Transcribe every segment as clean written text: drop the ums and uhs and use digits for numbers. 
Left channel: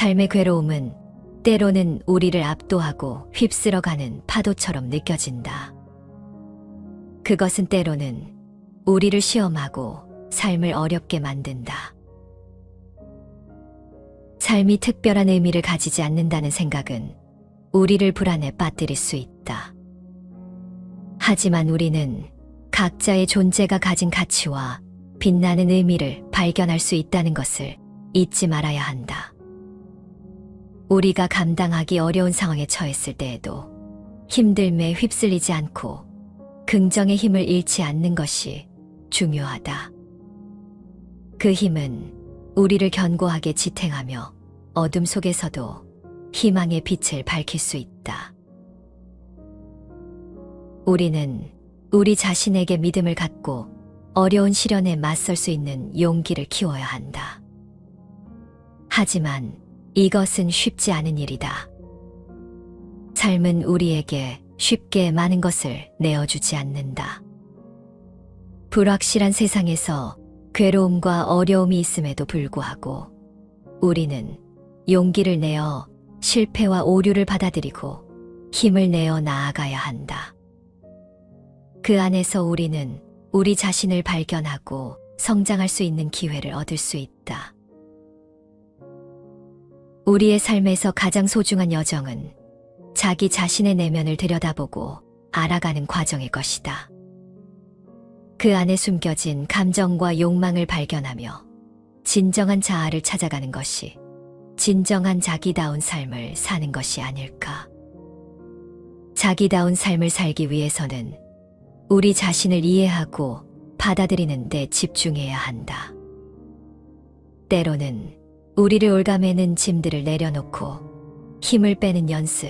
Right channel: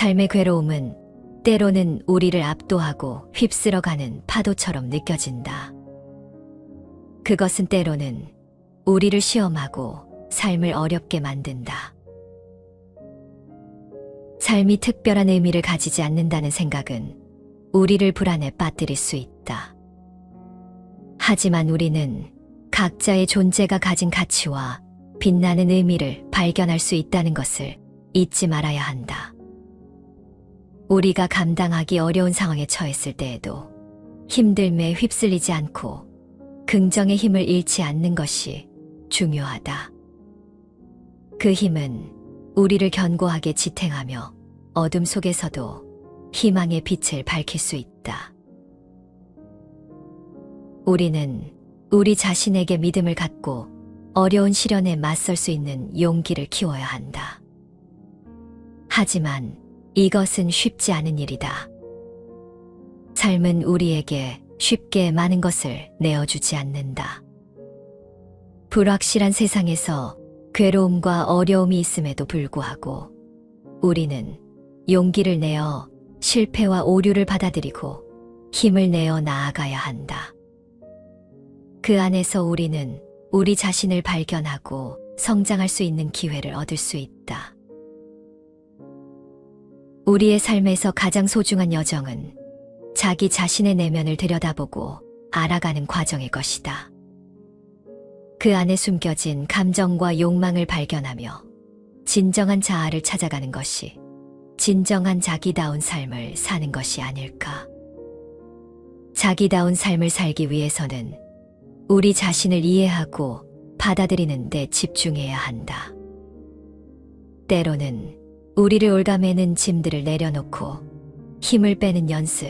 삶의 괴로움은 때로는 우리를 압도하고 휩쓸어가는 파도처럼 느껴진다. 그것은 때로는 우리를 시험하고 삶을 어렵게 만든다. 삶이 특별한 의미를 가지지 않는다는 생각은 우리를 불안에 빠뜨릴 수 있다. 하지만 우리는 각자의 존재가 가진 가치와 빛나는 의미를 발견할 수 있다는 것을 잊지 말아야 한다. 우리가 감당하기 어려운 상황에 처했을 때에도 힘듦에 휩쓸리지 않고 긍정의 힘을 잃지 않는 것이 중요하다. 그 힘은 우리를 견고하게 지탱하며 어둠 속에서도 희망의 빛을 밝힐 수 있다. 우리는 우리 자신에게 믿음을 갖고 어려운 시련에 맞설 수 있는 용기를 키워야 한다. 하지만 이것은 쉽지 않은 일이다. 삶은 우리에게 쉽게 많은 것을 내어주지 않는다. 불확실한 세상에서 괴로움과 어려움이 있음에도 불구하고 우리는 용기를 내어 실패와 오류를 받아들이고 힘을 내어 나아가야 한다. 그 안에서 우리는 우리 자신을 발견하고 성장할 수 있는 기회를 얻을 수 있다. 우리의 삶에서 가장 소중한 여정은 자기 자신의 내면을 들여다보고 알아가는 과정일 것이다. 그 안에 숨겨진 감정과 욕망을 발견하며 진정한 자아를 찾아가는 것이 진정한 자기다운 삶을 사는 것이 아닐까. 자기다운 삶을 살기 위해서는 우리 자신을 이해하고 받아들이는 데 집중해야 한다. 때로는 우리를 올가매는 짐들을 내려놓고 힘을 빼는 연습,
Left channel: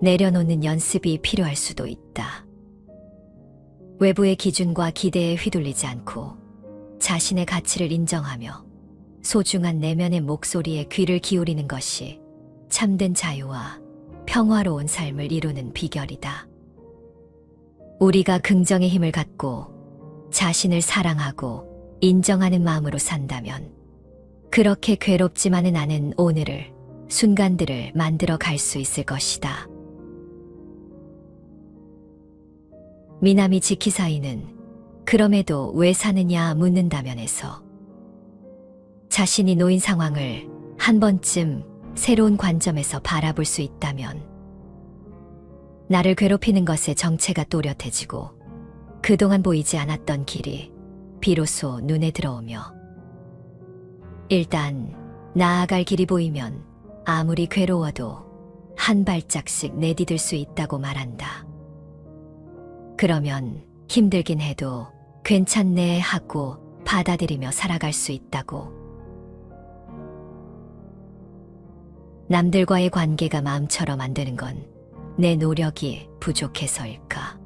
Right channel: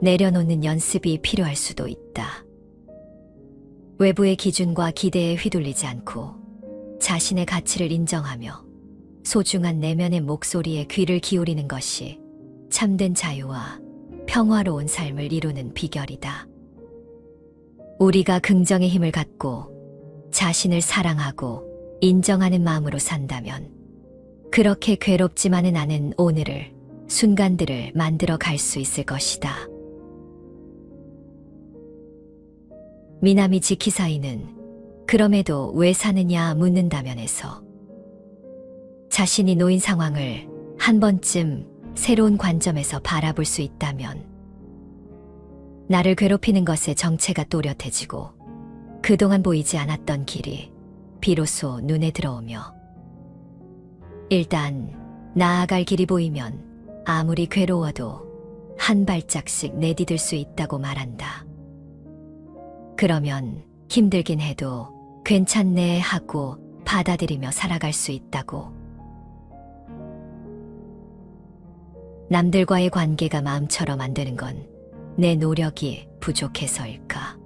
내려놓는 연습이 필요할 수도 있다. 외부의 기준과 기대에 휘둘리지 않고 자신의 가치를 인정하며 소중한 내면의 목소리에 귀를 기울이는 것이 참된 자유와 평화로운 삶을 이루는 비결이다. 우리가 긍정의 힘을 갖고 자신을 사랑하고 인정하는 마음으로 산다면 그렇게 괴롭지만은 않은 오늘을, 순간들을 만들어 갈 수 있을 것이다. 미나미 지키사이는 그럼에도 왜 사느냐 묻는다면에서 자신이 놓인 상황을 한 번쯤 새로운 관점에서 바라볼 수 있다면 나를 괴롭히는 것에 정체가 또렷해지고 그동안 보이지 않았던 길이 비로소 눈에 들어오며 일단 나아갈 길이 보이면 아무리 괴로워도 한 발짝씩 내디딜 수 있다고 말한다. 그러면 힘들긴 해도 괜찮네 하고 받아들이며 살아갈 수 있다고. 남들과의 관계가 마음처럼 안 되는 건 내 노력이 부족해서일까?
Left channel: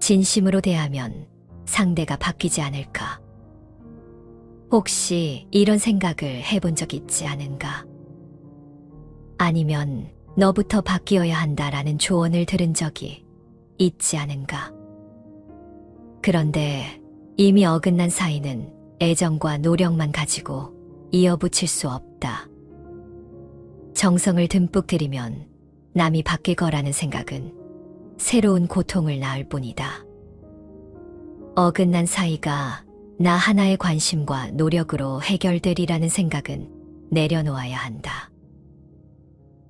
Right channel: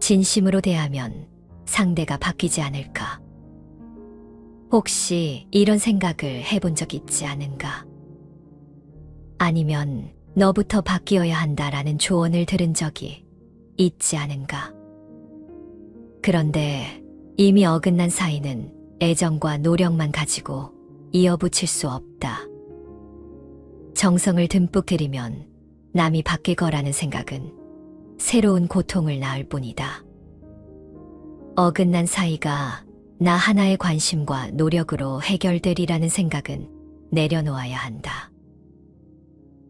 진심으로 대하면 상대가 바뀌지 않을까? 혹시 이런 생각을 해본 적 있지 않은가? 아니면 너부터 바뀌어야 한다라는 조언을 들은 적이 있지 않은가? 그런데 이미 어긋난 사이는 애정과 노력만 가지고 이어붙일 수 없다. 정성을 듬뿍 들이면 남이 바뀔 거라는 생각은 새로운 고통을 낳을 뿐이다. 어긋난 사이가 나 하나의 관심과 노력으로 해결되리라는 생각은 내려놓아야 한다.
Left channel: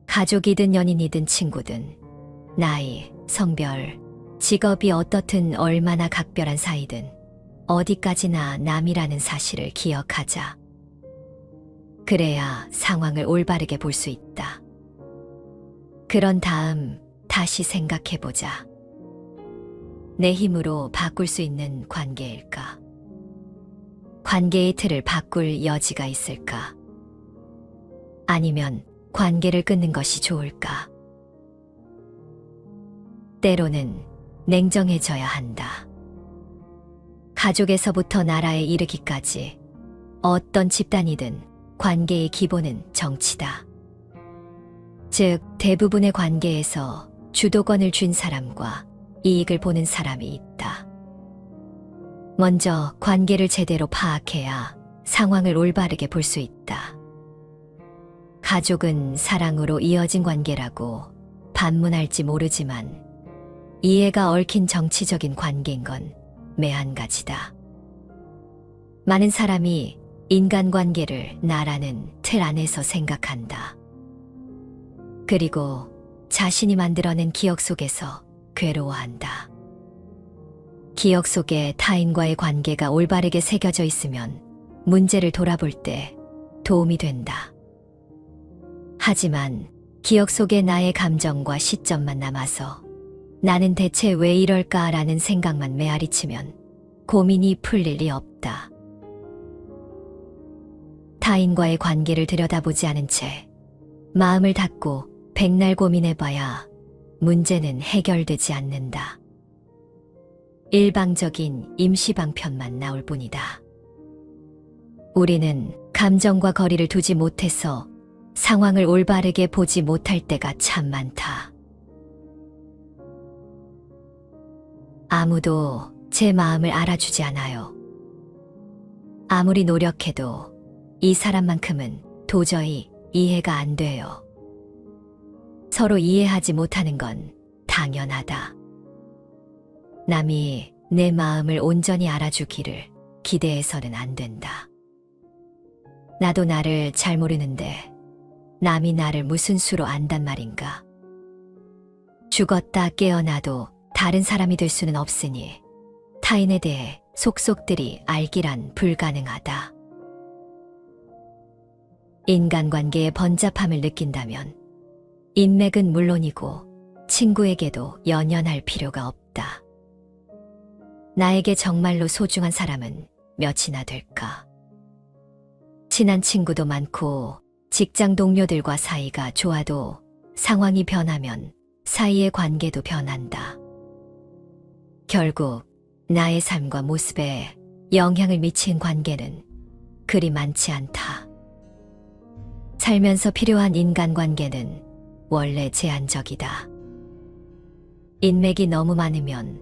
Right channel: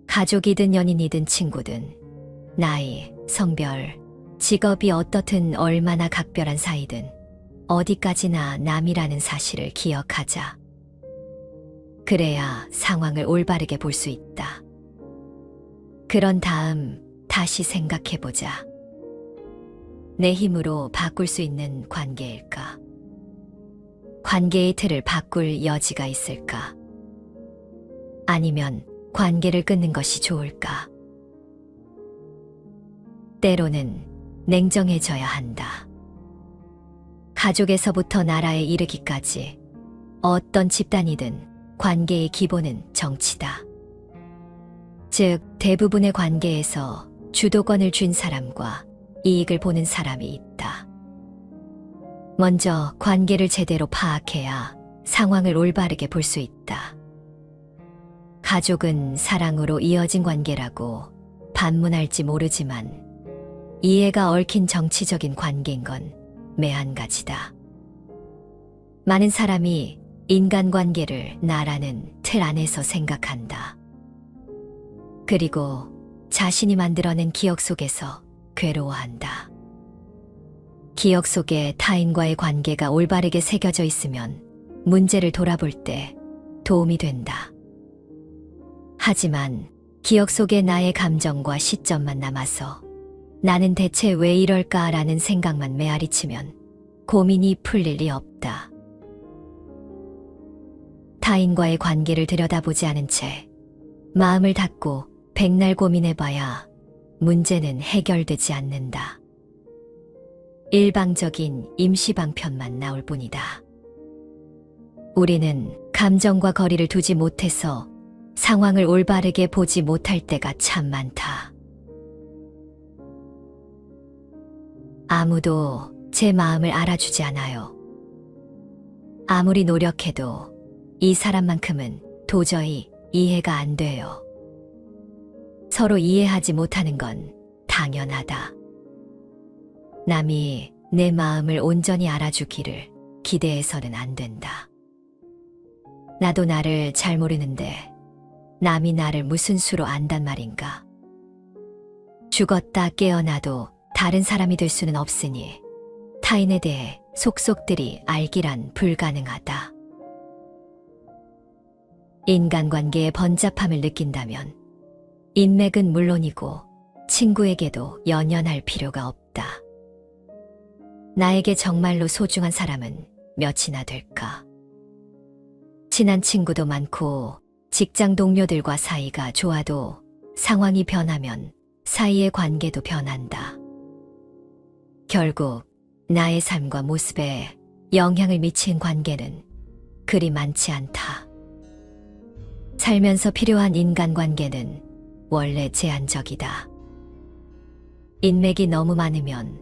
가족이든 연인이든 친구든 나이, 성별, 직업이 어떻든 얼마나 각별한 사이든 어디까지나 남이라는 사실을 기억하자. 그래야 상황을 올바르게 볼 수 있다. 그런 다음 다시 생각해보자. 내 힘으로 바꿀 수 있는 관계일까? 관계의 틀을 바꿀 여지가 있을까? 아니면 관계를 끊는 것이 좋을까? 때로는 냉정해져야 한다. 가족에서부터 나라에 이르기까지 어떤 집단이든 관계의 기본은 정치다. 즉, 대부분의 관계에서 주도권을 쥔 사람과 이익을 보는 사람이 있다. 먼저 관계를 제대로 파악해야 상황을 올바르게 볼 수 있다. 가족은 사랑으로 이어진 관계라고 반문할지 모르지만 이해가 얽힌 정치적인 관계인 건 매한가지다. 많은 사람이 인간관계를 나라는 틀 안에서 생각한다. 그리고 자신이 만들어낸 기억 속에서 괴로워한다. 기억 속에 타인과의 관계가 올바르게 새겨져 있으면 문제를 돌아볼 때 도움이 된다. 하지만 기억 속에 나의 감정과 시점만 남아서 나는 대체 왜 이럴까라는 생각만 메아리치면 고민이 풀릴 리 없다. 타인과의 관계를 들여다보지 않은 채 마음을 닫고 백날 고민해봐야 문제는 해결되지 않는다. 일방적인 임시방편만 나올 뿐이다. 우리는 감정과 거리를 두지 못해서 상황을 올바르게 보지 못할 때가 참 많다. 아무도 제 마음을 알아주지 않아요. 아무리 노력해도 이 사람만큼은 도저히 이해가 안 돼요. 서로 이해하지 못하는 건 당연하다. 남이 내 마음을 온전히 알아주기를 기대해서는 안 된다. 나도 나를 잘 모르는데 남이 나를 무슨 수로 안단 말인가. 죽었다 깨어나도 다른 사람이 될 수는 없으니 타인에 대해 속속들이 알기란 불가능하다. 인간관계의 번잡함을 느낀다면 인맥은 물론이고 친구에게도 연연할 필요가 없다. 나에게 정말로 소중한 사람은 몇이나 될까? 친한 친구도 많고 직장 동료들과 사이가 좋아도 상황이 변하면 사이의 관계도 변한다. 결국 나의 삶과 모습에 영향을 미친 관계는 그리 많지 않다. 살면서 필요한 인간관계는 원래 제한적이다. 인맥이 너무 많으면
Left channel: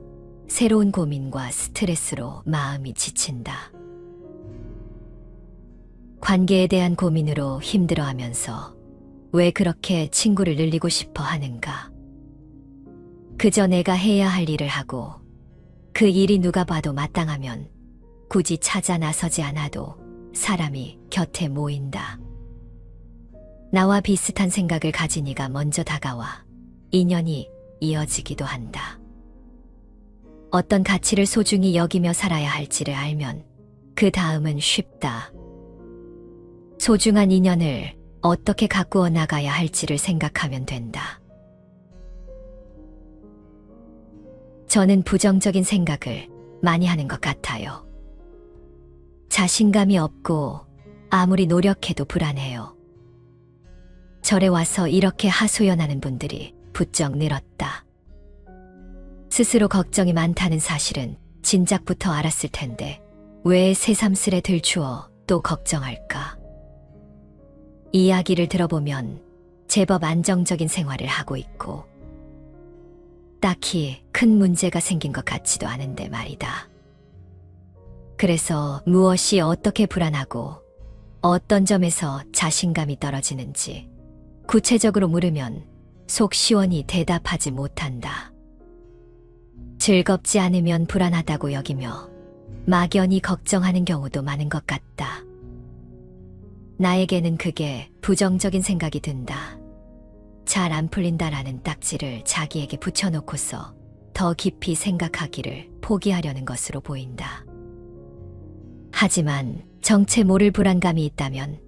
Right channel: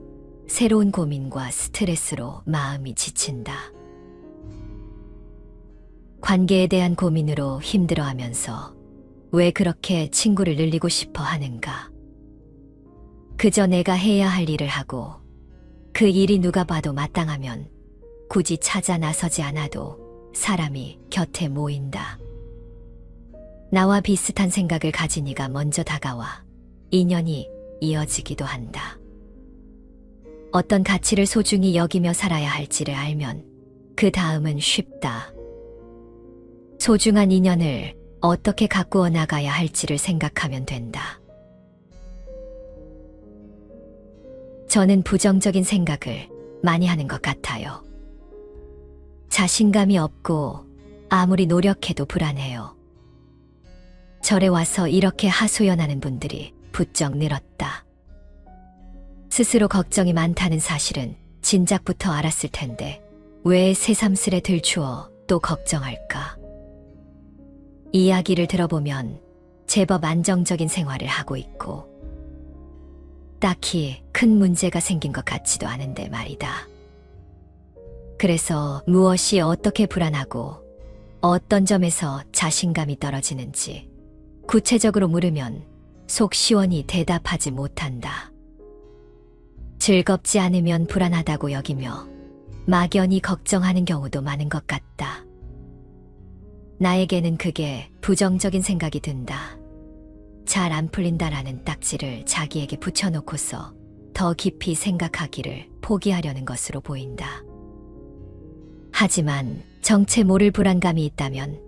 새로운 고민과 스트레스로 마음이 지친다. 관계에 대한 고민으로 힘들어하면서 왜 그렇게 친구를 늘리고 싶어 하는가? 그저 내가 해야 할 일을 하고 그 일이 누가 봐도 마땅하면 굳이 찾아 나서지 않아도 사람이 곁에 모인다. 나와 비슷한 생각을 가진 이가 먼저 다가와 인연이 이어지기도 한다. 어떤 가치를 소중히 여기며 살아야 할지를 알면 그 다음은 쉽다. 소중한 인연을 어떻게 가꾸어 나가야 할지를 생각하면 된다. 저는 부정적인 생각을 많이 하는 것 같아요. 자신감이 없고 아무리 노력해도 불안해요. 절에 와서 이렇게 하소연하는 분들이 부쩍 늘었다. 스스로 걱정이 많다는 사실은 진작부터 알았을 텐데 왜 새삼스레 들추어 또 걱정할까? 이야기를 들어보면 제법 안정적인 생활을 하고 있고 딱히 큰 문제가 생긴 것 같지도 않은데 말이다. 그래서 무엇이 어떻게 불안하고 어떤 점에서 자신감이 떨어지는지 구체적으로 물으면 속 시원히 대답하지 못한다. 즐겁지 않으면 불안하다고 여기며 막연히 걱정하는 경우도 많은 것 같다. 나에게는 그게 부정적인 생각이 든다. 잘 안 풀린다라는 딱지를 자기에게 붙여놓고서 더 깊이 생각하기를 포기하려는 것으로 보인다. 하지만 정체 모를 불안감이 있다면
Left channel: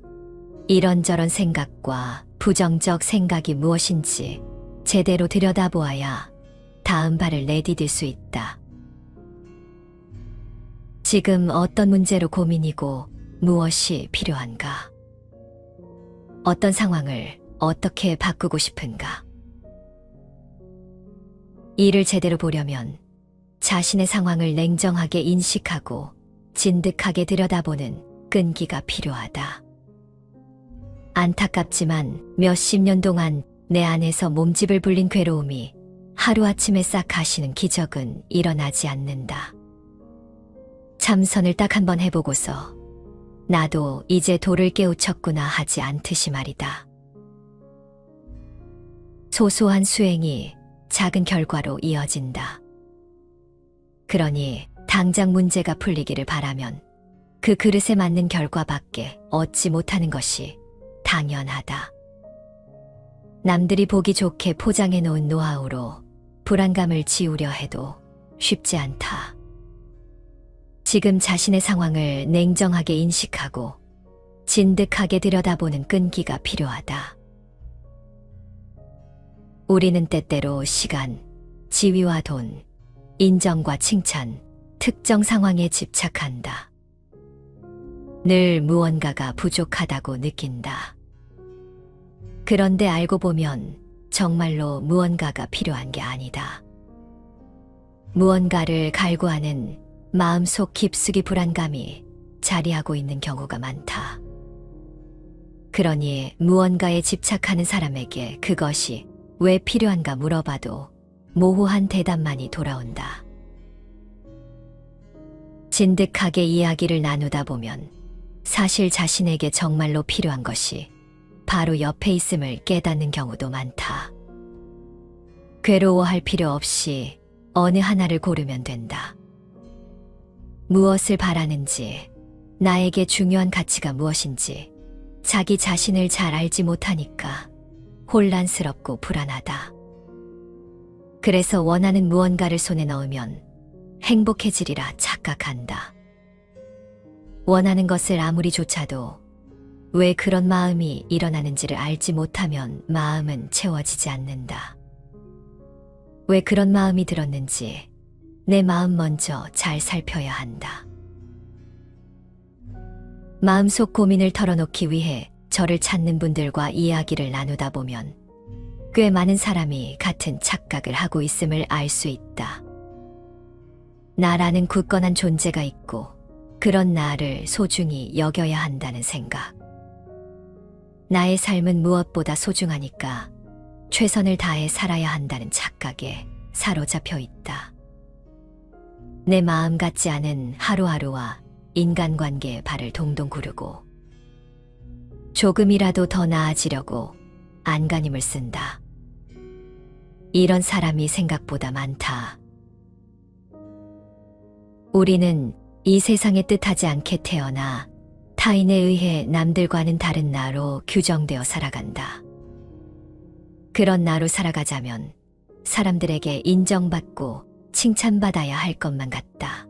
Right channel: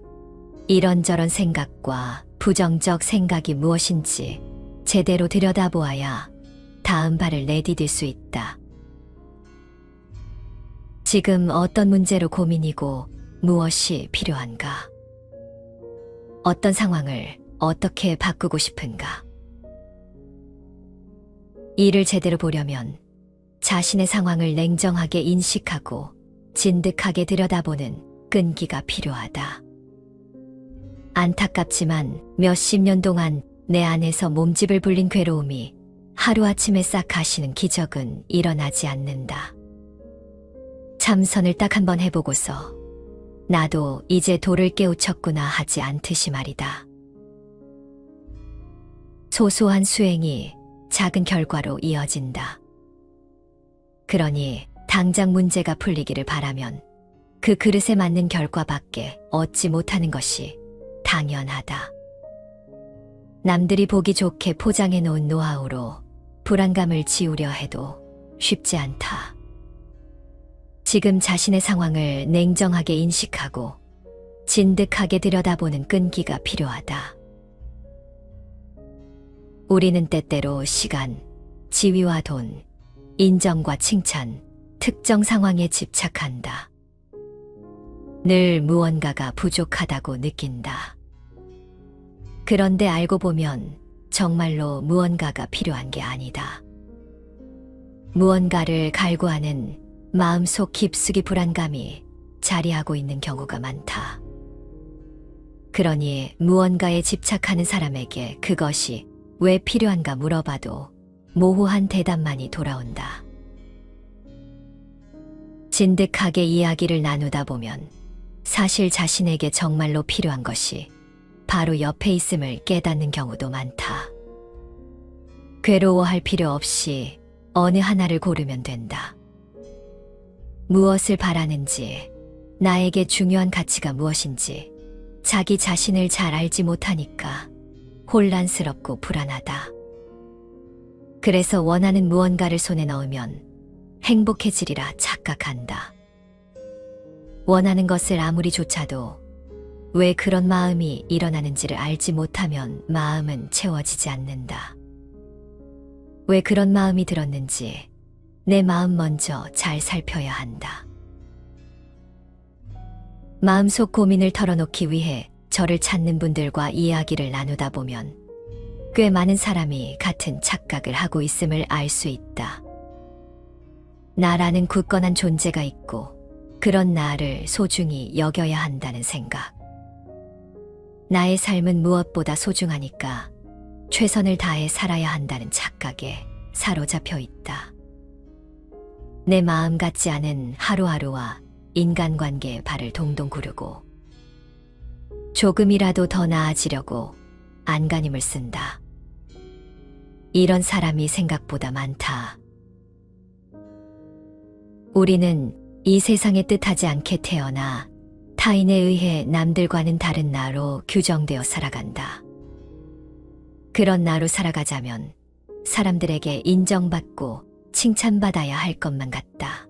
이런저런 생각과 부정적 생각이 무엇인지 제대로 들여다보아야 다음 발을 내디딜 수 있다. 지금 어떤 문제로 고민이고 무엇이 필요한가? 어떤 상황을 어떻게 바꾸고 싶은가? 이를 제대로 보려면 자신의 상황을 냉정하게 인식하고 진득하게 들여다보는 끈기가 필요하다. 안타깝지만 몇십 년 동안 내 안에서 몸집을 불린 괴로움이 하루아침에 싹 가시는 기적은 일어나지 않는다. 참선을 딱 한번 해보고서 나도 이제 도를 깨우쳤구나 하지 않듯이 말이다. 소소한 수행이 작은 결과로 이어진다. 그러니 당장 문제가 풀리기를 바라면 그 그릇에 맞는 결과밖에 얻지 못하는 것이 당연하다. 남들이 보기 좋게 포장해 놓은 노하우로 불안감을 지우려 해도 쉽지 않다. 지금 자신의 상황을 냉정하게 인식하고 진득하게 들여다보는 끈기가 필요하다. 우리는 때때로 시간, 지위와 돈, 인정과 칭찬, 특정 상황에 집착한다. 늘 무언가가 부족하다고 느낀다. 그런데 알고 보면 정말로 무언가가 필요한 게 아니다. 무언가를 갈구하는 마음속 깊숙이 불안감이 자리하고 있는 경우가 많다. 그러니 무언가에 집착하는 사람에게 그것이 왜 필요한가 물어봐도 모호한 대답만이 돌아온다. 진득하게 이야기를 나누다 보면 사실 자신에게 정말로 필요한 것이 바로 옆에 있음을 깨닫는 경우도 많다. 괴로워할 필요 없이 어느 하나를 고르면 된다. 무엇을 바라는지, 나에게 중요한 가치가 무엇인지 자기 자신을 잘 알지 못하니까 혼란스럽고 불안하다. 그래서 원하는 무언가를 손에 넣으면 행복해지리라 착각한다. 원하는 것을 아무리 좇아도 왜 그런 마음이 일어나는지를 알지 못하면 마음은 채워지지 않는다. 왜 그런 마음이 들었는지 내 마음 먼저 잘 살펴야 한다. 마음속 고민을 털어놓기 위해 저를 찾는 분들과 이야기를 나누다 보면 꽤 많은 사람이 같은 착각을 하고 있음을 알 수 있다. 나라는 굳건한 존재가 있고 그런 나를 소중히 여겨야 한다는 생각. 나의 삶은 무엇보다 소중하니까 최선을 다해 살아야 한다는 착각에 사로잡혀 있다. 내 마음 같지 않은 하루하루와 인간관계에 발을 동동 구르고 조금이라도 더 나아지려고 안간힘을 쓴다. 이런 사람이 생각보다 많다. 우리는 이 세상에 뜻하지 않게 태어나 타인에 의해 남들과는 다른 나로 규정되어 살아간다. 그런 나로 살아가자면 사람들에게 인정받고 칭찬받아야 할 것만 같다.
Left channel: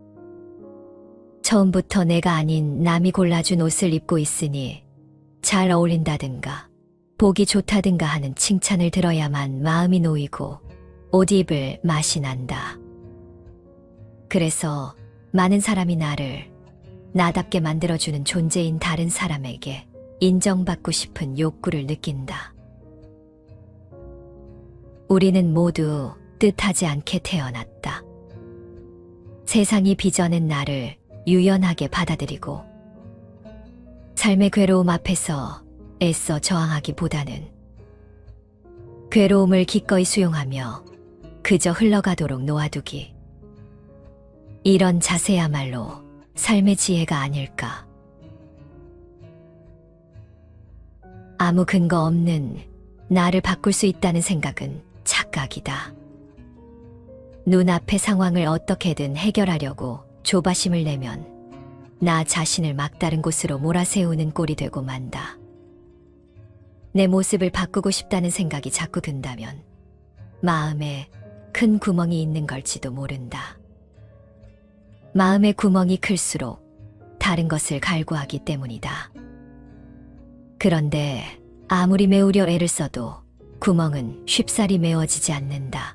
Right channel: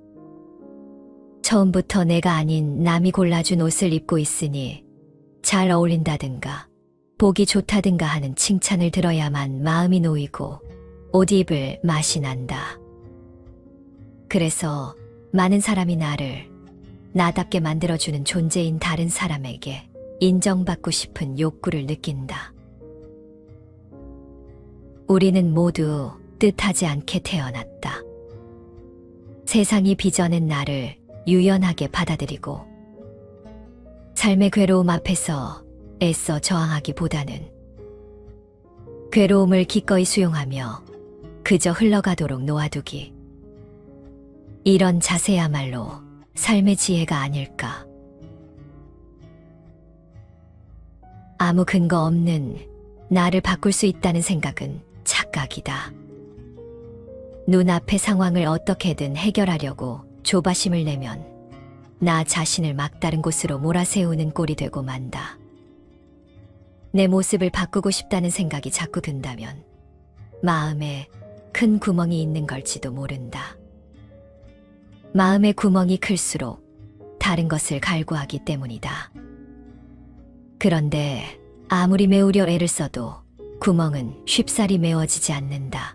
처음부터 내가 아닌 남이 골라준 옷을 입고 있으니 잘 어울린다든가 보기 좋다든가 하는 칭찬을 들어야만 마음이 놓이고 옷 입을 맛이 난다. 그래서 많은 사람이 나를 나답게 만들어주는 존재인 다른 사람에게 인정받고 싶은 욕구를 느낀다. 우리는 모두 뜻하지 않게 태어났다. 세상이 빚어낸 나를 유연하게 받아들이고 삶의 괴로움 앞에서 애써 저항하기보다는 괴로움을 기꺼이 수용하며 그저 흘러가도록 놓아두기. 이런 자세야말로 삶의 지혜가 아닐까. 아무 근거 없는 나를 바꿀 수 있다는 생각은 착각이다. 눈앞의 상황을 어떻게든 해결하려고 조바심을 내면 나 자신을 막다른 곳으로 몰아세우는 꼴이 되고 만다. 내 모습을 바꾸고 싶다는 생각이 자꾸 든다면 마음에 큰 구멍이 있는 걸지도 모른다. 마음의 구멍이 클수록 다른 것을 갈구하기 때문이다. 그런데 아무리 메우려 애를 써도 구멍은 쉽사리 메워지지 않는다.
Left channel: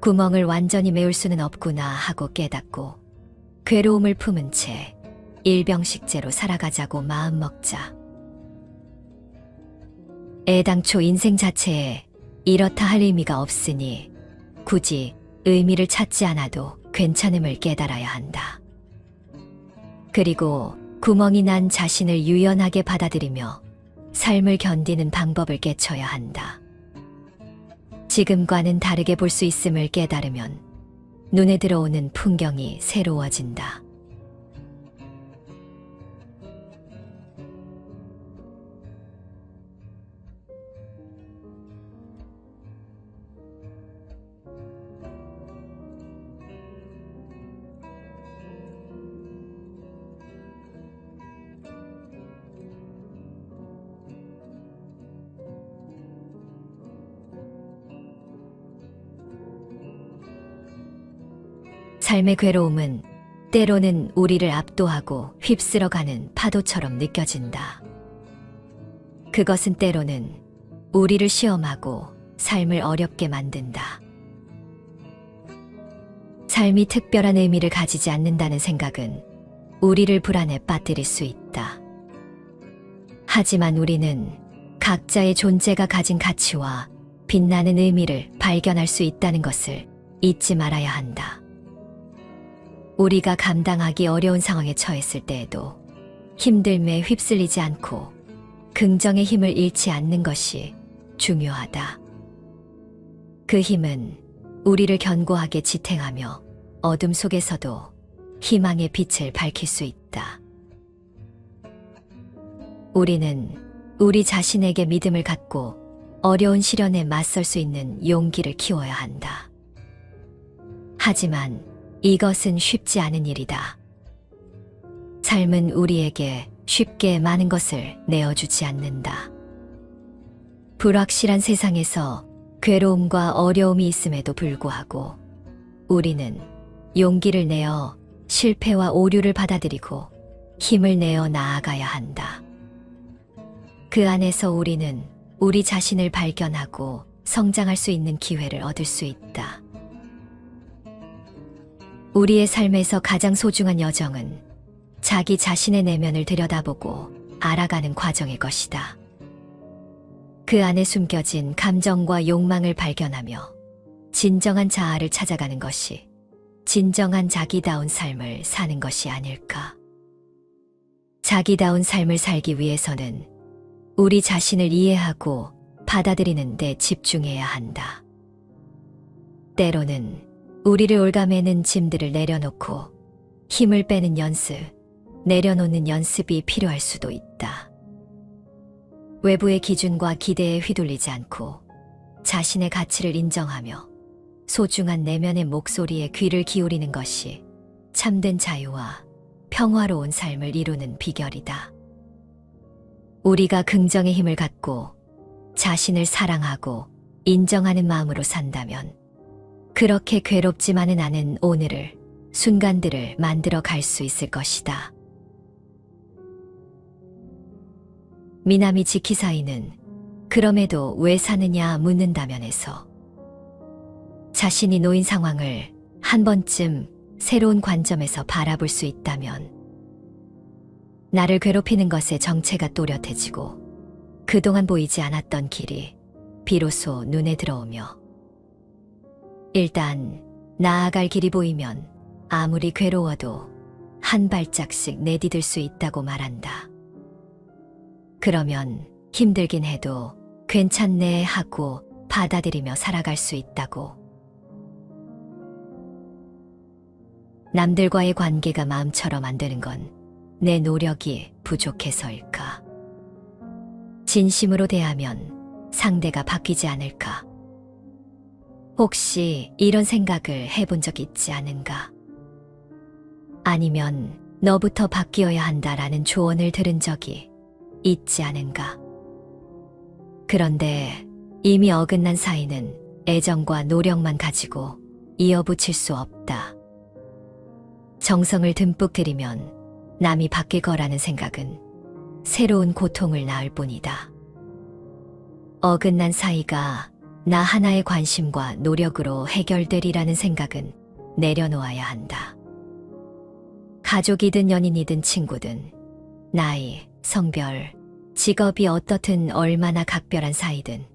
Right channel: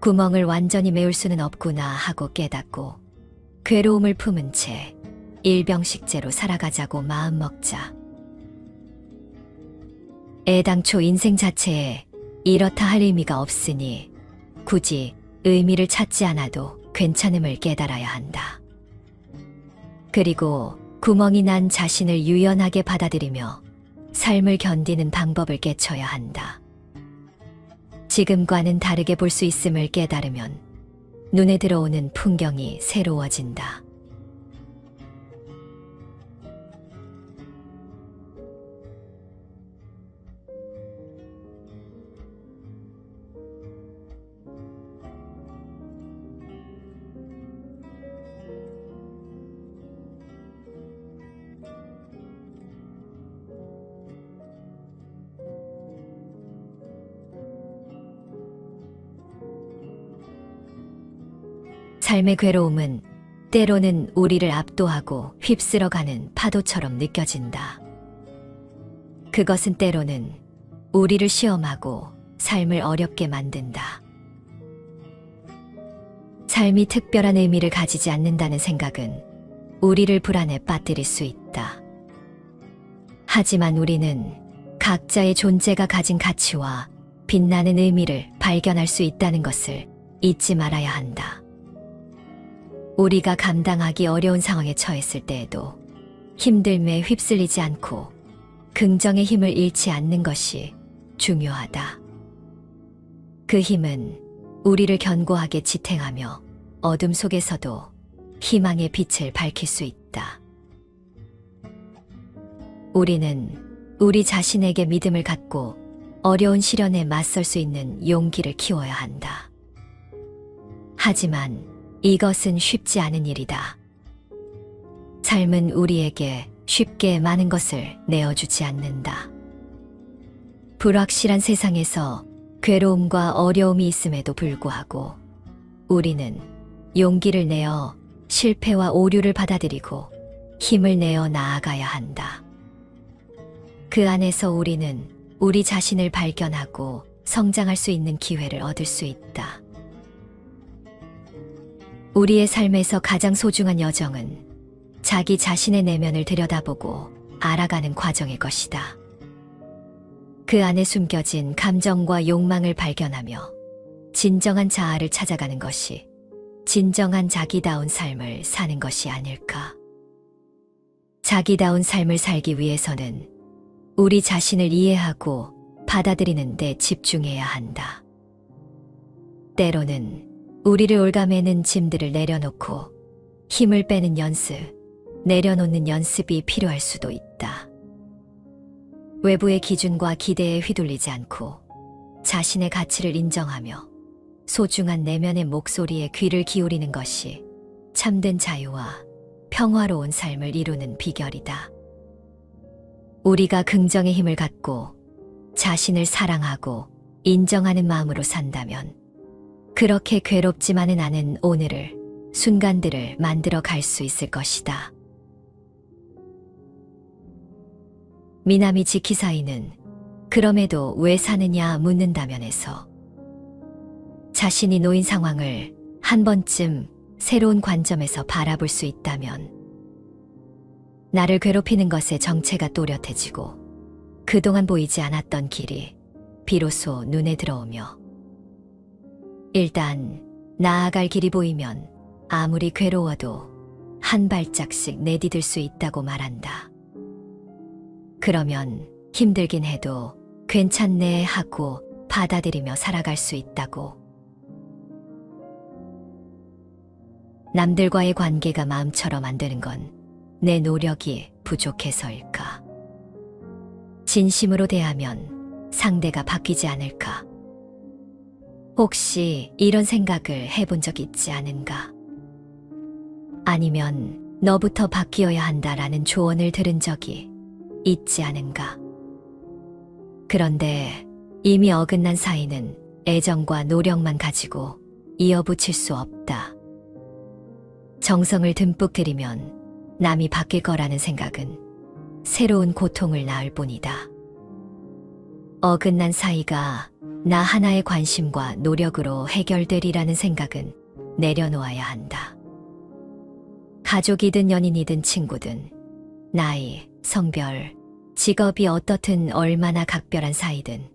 구멍을 완전히 메울 수는 없구나 하고 깨닫고 괴로움을 품은 채 일병식제로 살아가자고 마음먹자. 애당초 인생 자체에 이렇다 할 의미가 없으니 굳이 의미를 찾지 않아도 괜찮음을 깨달아야 한다. 그리고 구멍이 난 자신을 유연하게 받아들이며 삶을 견디는 방법을 깨쳐야 한다. 지금과는 다르게 볼 수 있음을 깨달으면 눈에 들어오는 풍경이 새로워진다. 삶의 괴로움은 때로는 우리를 압도하고 휩쓸어가는 파도처럼 느껴진다. 그것은 때로는 우리를 시험하고 삶을 어렵게 만든다. 삶이 특별한 의미를 가지지 않는다는 생각은 우리를 불안에 빠뜨릴 수 있다. 하지만 우리는 각자의 존재가 가진 가치와 빛나는 의미를 발견할 수 있다는 것을 잊지 말아야 한다. 우리가 감당하기 어려운 상황에 처했을 때에도 힘듦에 휩쓸리지 않고 긍정의 힘을 잃지 않는 것이 중요하다. 그 힘은 우리를 견고하게 지탱하며 어둠 속에서도 희망의 빛을 밝힐 수 있다. 우리는 우리 자신에게 믿음을 갖고 어려운 시련에 맞설 수 있는 용기를 키워야 한다. 하지만 이것은 쉽지 않은 일이다. 삶은 우리에게 쉽게 많은 것을 내어주지 않는다. 불확실한 세상에서 괴로움과 어려움이 있음에도 불구하고 우리는 용기를 내어 실패와 오류를 받아들이고 힘을 내어 나아가야 한다. 그 안에서 우리는 우리 자신을 발견하고 성장할 수 있는 기회를 얻을 수 있다. 우리의 삶에서 가장 소중한 여정은 자기 자신의 내면을 들여다보고 알아가는 과정일 것이다. 그 안에 숨겨진 감정과 욕망을 발견하며 진정한 자아를 찾아가는 것이 진정한 자기다운 삶을 사는 것이 아닐까. 자기다운 삶을 살기 위해서는 우리 자신을 이해하고 받아들이는 데 집중해야 한다. 때로는 우리를 올가매는 짐들을 내려놓고 힘을 빼는 연습, 내려놓는 연습이 필요할 수도 있다. 외부의 기준과 기대에 휘둘리지 않고 자신의 가치를 인정하며 소중한 내면의 목소리에 귀를 기울이는 것이 참된 자유와 평화로운 삶을 이루는 비결이다. 우리가 긍정의 힘을 갖고 자신을 사랑하고 인정하는 마음으로 산다면 그렇게 괴롭지만은 않은 오늘을, 순간들을 만들어 갈 수 있을 것이다. 미나미 지키사이는 그럼에도 왜 사느냐 묻는다면에서 자신이 놓인 상황을 한 번쯤 새로운 관점에서 바라볼 수 있다면 나를 괴롭히는 것에 정체가 또렷해지고 그동안 보이지 않았던 길이 비로소 눈에 들어오며 일단 나아갈 길이 보이면 아무리 괴로워도 한 발짝씩 내디딜 수 있다고 말한다. 그러면 힘들긴 해도 괜찮네 하고 받아들이며 살아갈 수 있다고. 남들과의 관계가 마음처럼 안 되는 건 내 노력이 부족해서일까? 진심으로 대하면 상대가 바뀌지 않을까? 혹시 이런 생각을 해본 적 있지 않은가? 아니면 너부터 바뀌어야 한다라는 조언을 들은 적이 있지 않은가? 그런데 이미 어긋난 사이는 애정과 노력만 가지고 이어붙일 수 없다. 정성을 듬뿍 들이면 남이 바뀔 거라는 생각은 새로운 고통을 낳을 뿐이다. 어긋난 사이가 나 하나의 관심과 노력으로 해결되리라는 생각은 내려놓아야 한다. 가족이든 연인이든 친구든 나이, 성별, 직업이 어떻든 얼마나 각별한 사이든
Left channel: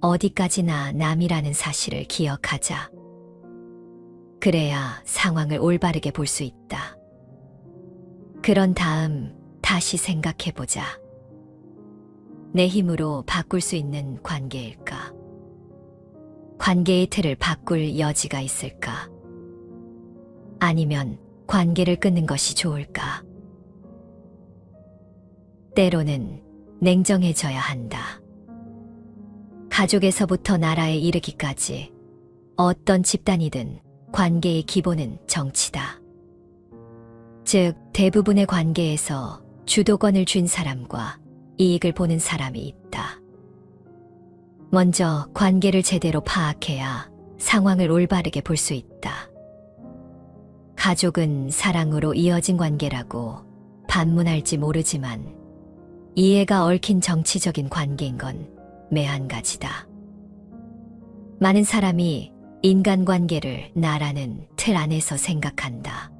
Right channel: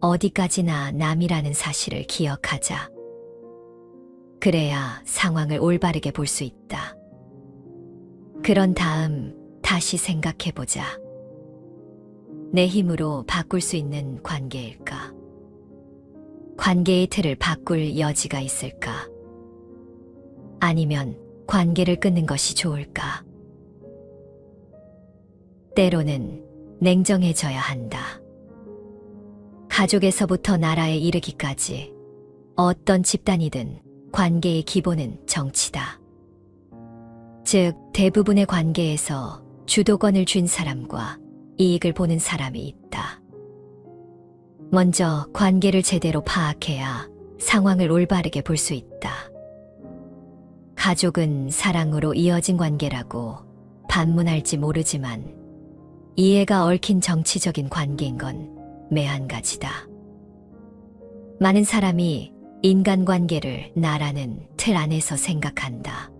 어디까지나 남이라는 사실을 기억하자. 그래야 상황을 올바르게 볼 수 있다. 그런 다음 다시 생각해보자. 내 힘으로 바꿀 수 있는 관계일까? 관계의 틀을 바꿀 여지가 있을까? 아니면 관계를 끊는 것이 좋을까? 때로는 냉정해져야 한다. 가족에서부터 나라에 이르기까지 어떤 집단이든 관계의 기본은 정치다. 즉, 대부분의 관계에서 주도권을 쥔 사람과 이익을 보는 사람이 있다. 먼저 관계를 제대로 파악해야 상황을 올바르게 볼 수 있다. 가족은 사랑으로 이어진 관계라고 반문할지 모르지만 이해가 얽힌 정치적인 관계인 건 매한가지다. 많은 사람이 인간관계를 나라는 틀 안에서 생각한다.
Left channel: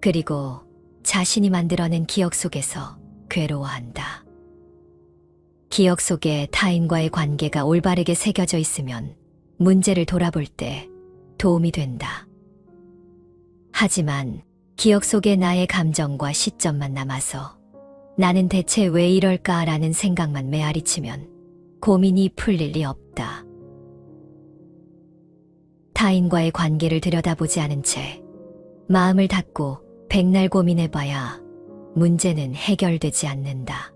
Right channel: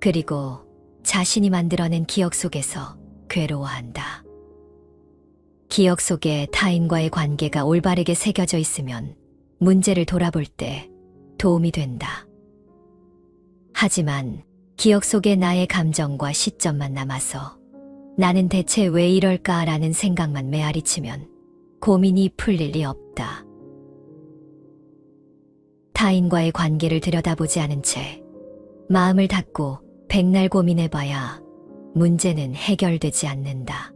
그리고 자신이 만들어낸 기억 속에서 괴로워한다. 기억 속에 타인과의 관계가 올바르게 새겨져 있으면 문제를 돌아볼 때 도움이 된다. 하지만 기억 속에 나의 감정과 시점만 남아서 나는 대체 왜 이럴까라는 생각만 메아리치면 고민이 풀릴 리 없다. 타인과의 관계를 들여다보지 않은 채 마음을 닫고 백날 고민해봐야 문제는 해결되지 않는다.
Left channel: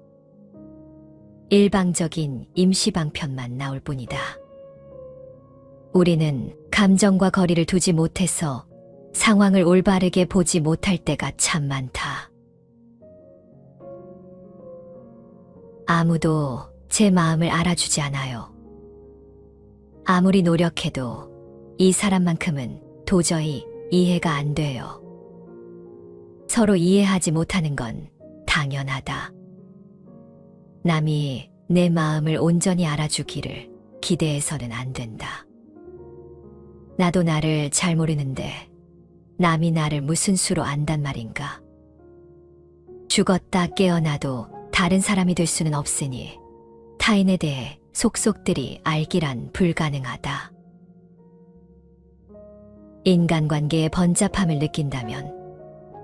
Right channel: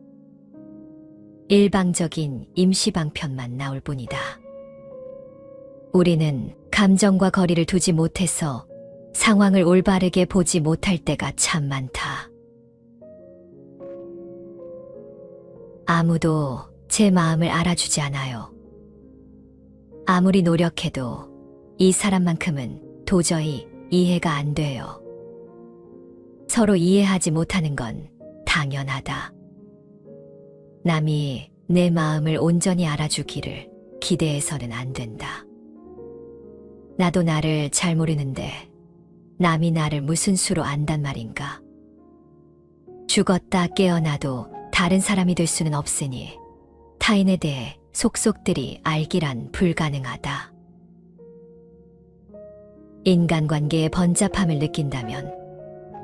일방적인 임시방편만 나올 뿐이다. 우리는 감정과 거리를 두지 못해서 상황을 올바르게 보지 못할 때가 참 많다. 아무도 제 마음을 알아주지 않아요. 아무리 노력해도 이 사람만큼은 도저히 이해가 안 돼요. 서로 이해하지 못하는 건 당연하다. 남이 내 마음을 온전히 알아주기를 기대해서는 안 된다. 나도 나를 잘 모르는데 남이 나를 무슨 수로 안단 말인가. 죽었다 깨어나도 다른 사람이 될 수는 없으니 타인에 대해 속속들이 알기란 불가능하다. 인간관계의 번잡함을 느낀다면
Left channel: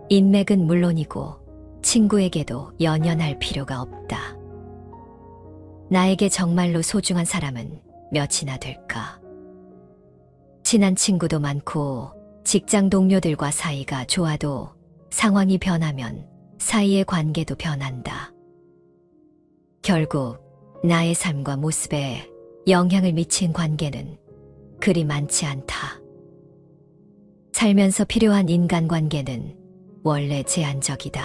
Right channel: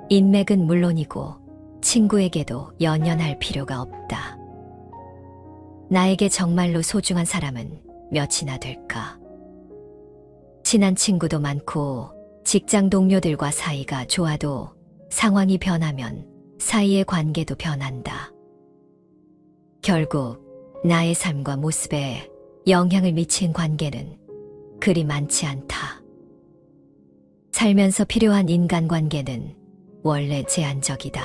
인맥은 물론이고 친구에게도 연연할 필요가 없다. 나에게 정말로 소중한 사람은 몇이나 될까? 친한 친구도 많고 직장 동료들과 사이가 좋아도 상황이 변하면 사이의 관계도 변한다. 결국 나의 삶과 모습에 영향을 미친 관계는 그리 많지 않다. 살면서 필요한 인간관계는 원래 제한적이다.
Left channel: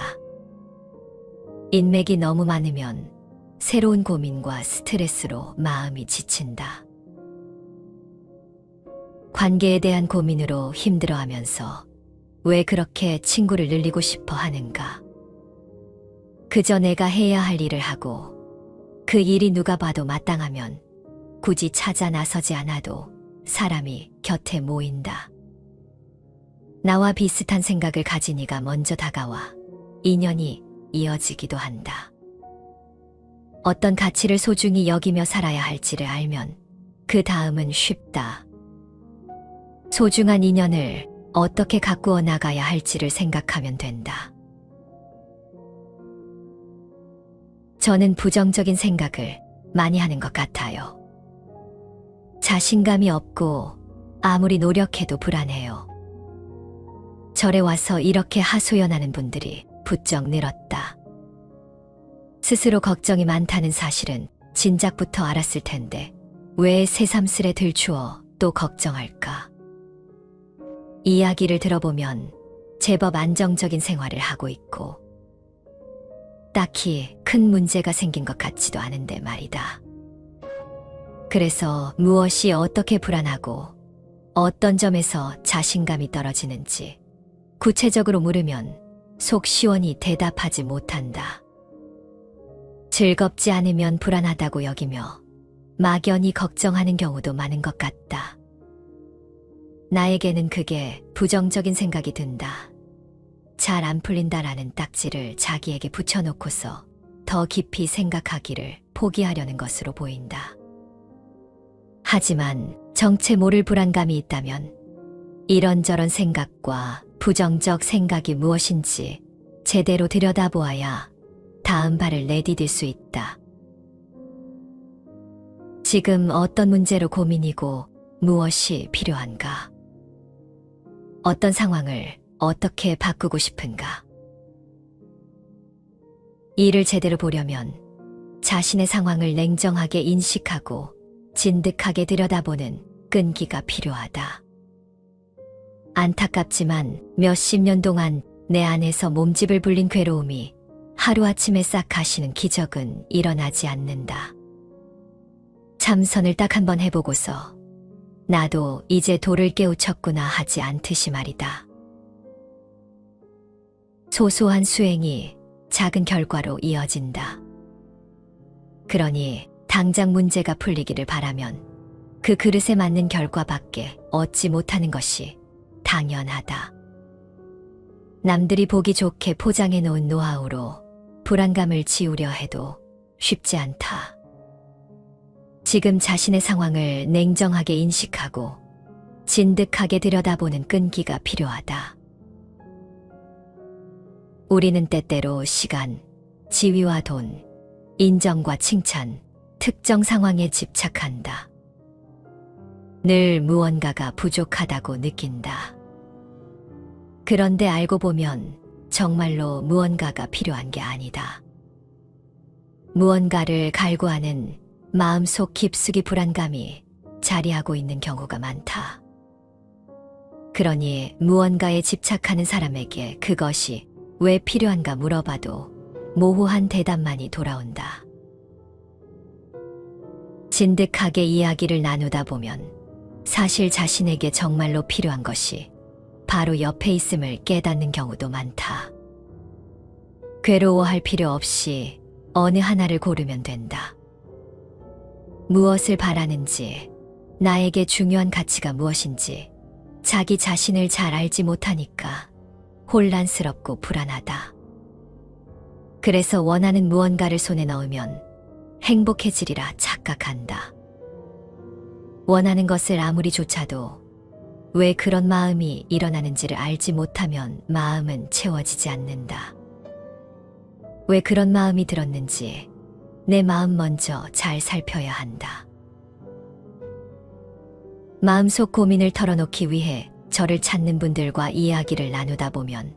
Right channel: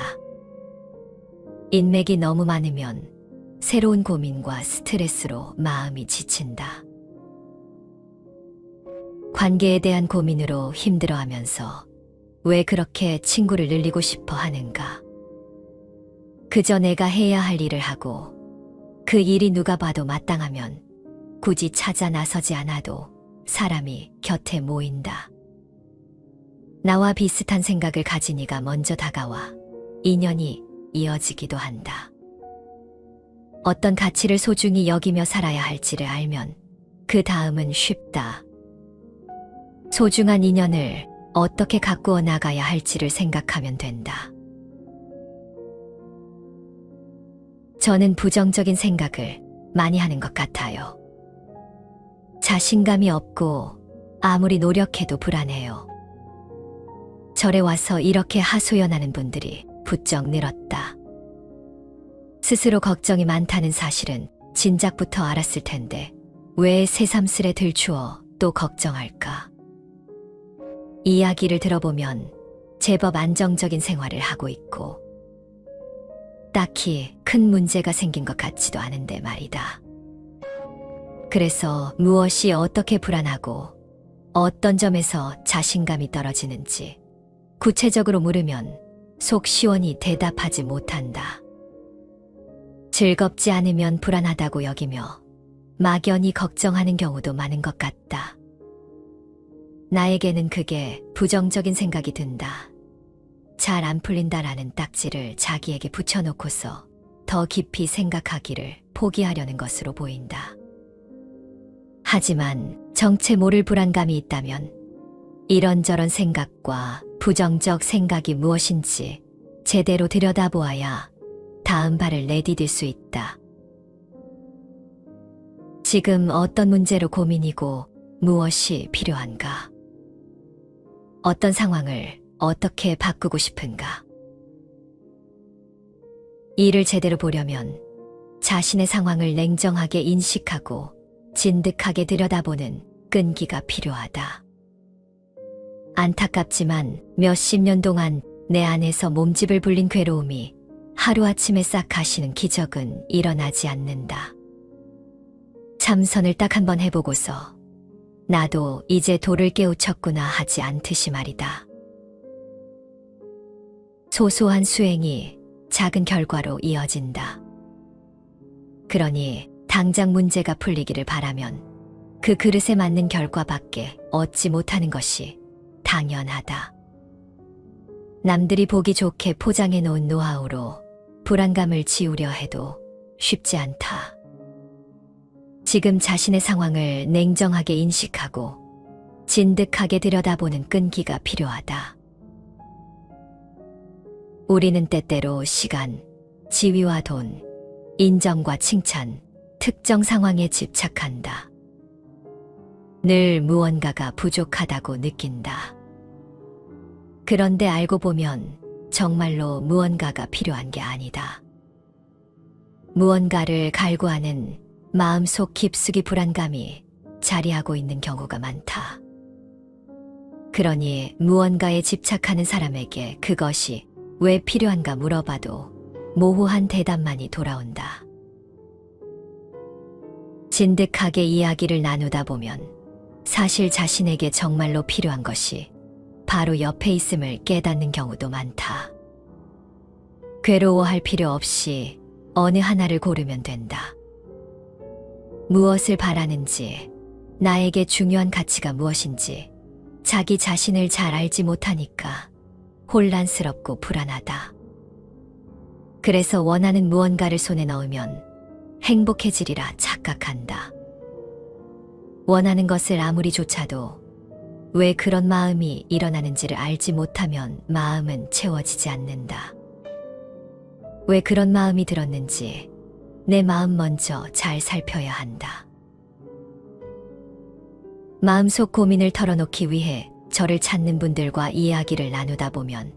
인맥이 너무 많으면 새로운 고민과 스트레스로 마음이 지친다. 관계에 대한 고민으로 힘들어하면서 왜 그렇게 친구를 늘리고 싶어 하는가? 그저 내가 해야 할 일을 하고 그 일이 누가 봐도 마땅하면 굳이 찾아 나서지 않아도 사람이 곁에 모인다. 나와 비슷한 생각을 가진 이가 먼저 다가와 인연이 이어지기도 한다. 어떤 가치를 소중히 여기며 살아야 할지를 알면 그 다음은 쉽다. 소중한 인연을 어떻게 가꾸어 나가야 할지를 생각하면 된다. 저는 부정적인 생각을 많이 하는 것 같아요. 자신감이 없고 아무리 노력해도 불안해요. 절에 와서 이렇게 하소연하는 분들이 부쩍 늘었다. 스스로 걱정이 많다는 사실은 진작부터 알았을 텐데 왜 새삼스레 들추어 또 걱정할까? 이야기를 들어보면 제법 안정적인 생활을 하고 있고 딱히 큰 문제가 생긴 것 같지도 않은데 말이다. 그래서 무엇이 어떻게 불안하고 어떤 점에서 자신감이 떨어지는지 구체적으로 물으면 속 시원히 대답하지 못한다. 즐겁지 않으면 불안하다고 여기며 막연히 걱정하는 경우도 많은 것 같다. 나에게는 그게 부정적인 생각이 든다. 잘 안 풀린다라는 딱지를 자기에게 붙여놓고서 더 깊이 생각하기를 포기하려는 것으로 보인다. 하지만 정체 모를 불안감이 있다면 이런저런 생각과 부정적 생각이 무엇인지 제대로 들여다보아야 다음 발을 내디딜 수 있다. 지금 어떤 문제로 고민이고 무엇이 필요한가? 어떤 상황을 어떻게 바꾸고 싶은가? 이를 제대로 보려면 자신의 상황을 냉정하게 인식하고 진득하게 들여다보는 끈기가 필요하다. 안타깝지만 몇십 년 동안 내 안에서 몸집을 불린 괴로움이 하루아침에 싹 가시는 기적은 일어나지 않는다. 참선을 딱 한 번 해보고서 나도 이제 도를 깨우쳤구나 하지 않듯이 말이다. 소소한 수행이 작은 결과로 이어진다. 그러니 당장 문제가 풀리기를 바라면 그 그릇에 맞는 결과밖에 얻지 못하는 것이 당연하다. 남들이 보기 좋게 포장해 놓은 노하우로 불안감을 지우려 해도 쉽지 않다. 지금 자신의 상황을 냉정하게 인식하고 진득하게 들여다보는 끈기가 필요하다. 우리는 때때로 시간, 지위와 돈, 인정과 칭찬, 특정 상황에 집착한다. 늘 무언가가 부족하다고 느낀다. 그런데 알고 보면 정말로 무언가가 필요한 게 아니다. 무언가를 갈구하는 마음속 깊숙이 불안감이 자리하고 있는 경우가 많다. 그러니 무언가에 집착하는 사람에게 그것이 왜 필요한가 물어봐도 모호한 대답만이 돌아온다. 진득하게 이야기를 나누다 보면 사실 자신에게 정말로 필요한 것이 바로 옆에 있음을 깨닫는 경우도 많다. 괴로워할 필요 없이 어느 하나를 고르면 된다. 무엇을 바라는지, 나에게 중요한 가치가 무엇인지 자기 자신을 잘 알지 못하니까 혼란스럽고 불안하다. 그래서 원하는 무언가를 손에 넣으면 행복해지리라 착각한다. 원하는 것을 아무리 좇아도 왜 그런 마음이 일어나는지를 알지 못하면 마음은 채워지지 않는다. 왜 그런 마음이 들었는지 내 마음 먼저 잘 살펴야 한다. 마음속 고민을 털어놓기 위해 저를 찾는 분들과 이야기를 나누다 보면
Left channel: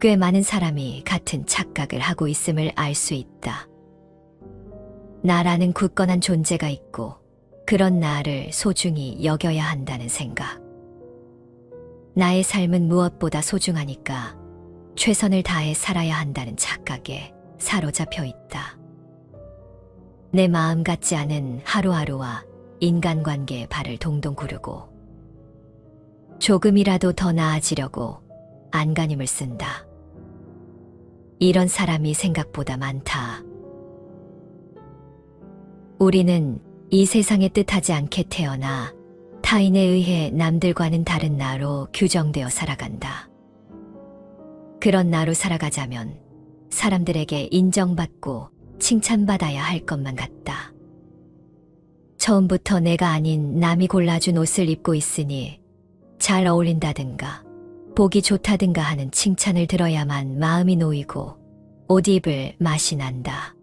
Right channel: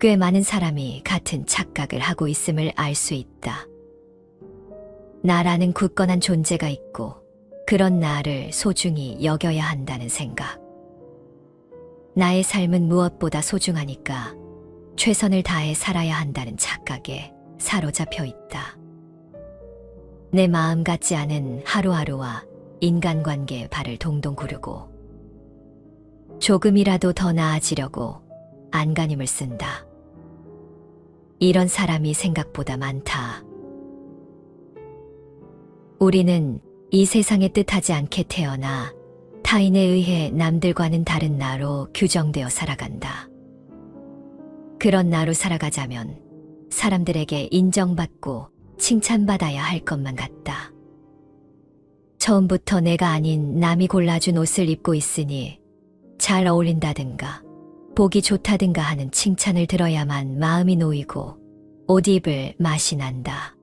꽤 많은 사람이 같은 착각을 하고 있음을 알 수 있다. 나라는 굳건한 존재가 있고 그런 나를 소중히 여겨야 한다는 생각. 나의 삶은 무엇보다 소중하니까 최선을 다해 살아야 한다는 착각에 사로잡혀 있다. 내 마음 같지 않은 하루하루와 인간관계에 발을 동동 구르고 조금이라도 더 나아지려고 안간힘을 쓴다. 이런 사람이 생각보다 많다. 우리는 이 세상에 뜻하지 않게 태어나 타인에 의해 남들과는 다른 나로 규정되어 살아간다. 그런 나로 살아가자면 사람들에게 인정받고 칭찬받아야 할 것만 같다. 처음부터 내가 아닌 남이 골라준 옷을 입고 있으니 잘 어울린다든가 보기 좋다든가 하는 칭찬을 들어야만 마음이 놓이고 옷 입을 맛이 난다.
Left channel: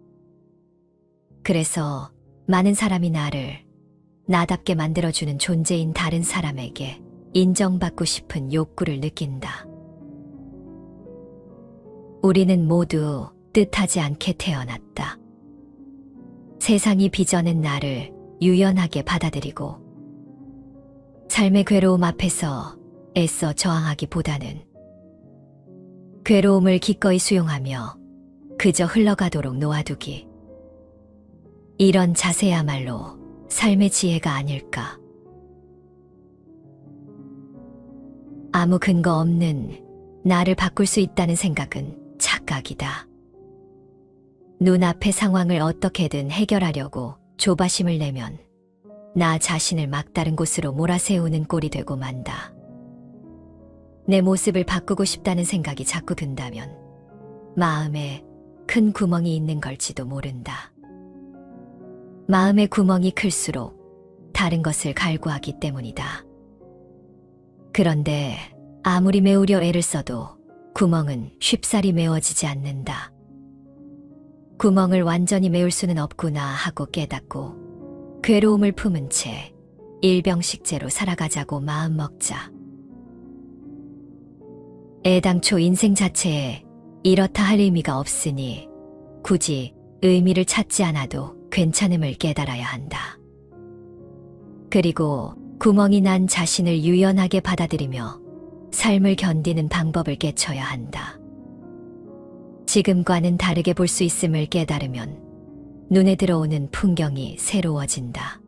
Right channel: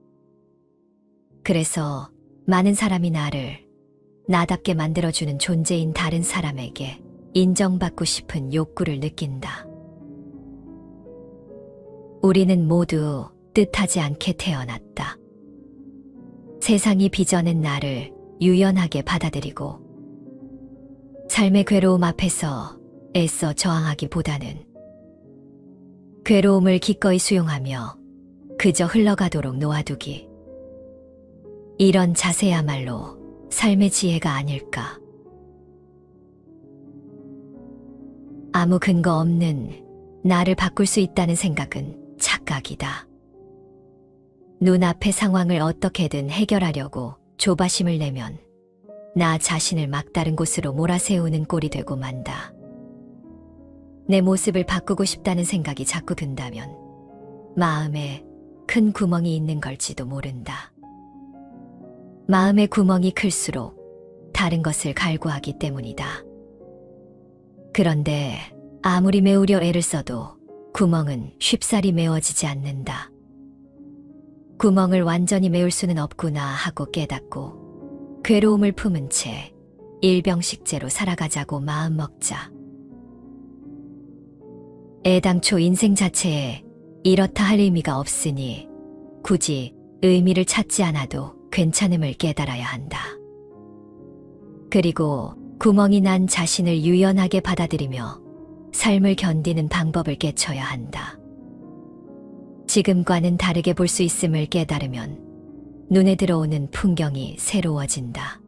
그래서 많은 사람이 나를 나답게 만들어주는 존재인 다른 사람에게 인정받고 싶은 욕구를 느낀다. 우리는 모두 뜻하지 않게 태어났다. 세상이 빚어낸 나를 유연하게 받아들이고 삶의 괴로움 앞에서 애써 저항하기보다는 괴로움을 기꺼이 수용하며 그저 흘러가도록 놓아두기. 이런 자세야말로 삶의 지혜가 아닐까. 아무 근거 없는 나를 바꿀 수 있다는 생각은 착각이다. 눈앞의 상황을 어떻게든 해결하려고 조바심을 내면 나 자신을 막다른 곳으로 몰아세우는 꼴이 되고 만다. 내 모습을 바꾸고 싶다는 생각이 자꾸 든다면 마음에 큰 구멍이 있는 걸지도 모른다. 마음의 구멍이 클수록 다른 것을 갈구하기 때문이다. 그런데 아무리 메우려 애를 써도 구멍은 쉽사리 메워지지 않는다. 구멍을 완전히 메울 수는 없구나 하고 깨닫고 괴로움을 품은 채 일병식재로 살아가자고 마음먹자. 애당초 인생 자체에 이렇다 할 의미가 없으니 굳이 의미를 찾지 않아도 괜찮음을 깨달아야 한다. 그리고 구멍이 난 자신을 유연하게 받아들이며 삶을 견디는 방법을 깨쳐야 한다. 지금과는 다르게 볼 수 있음을 깨달으면 눈에 들어오는 풍경이 새로워진다.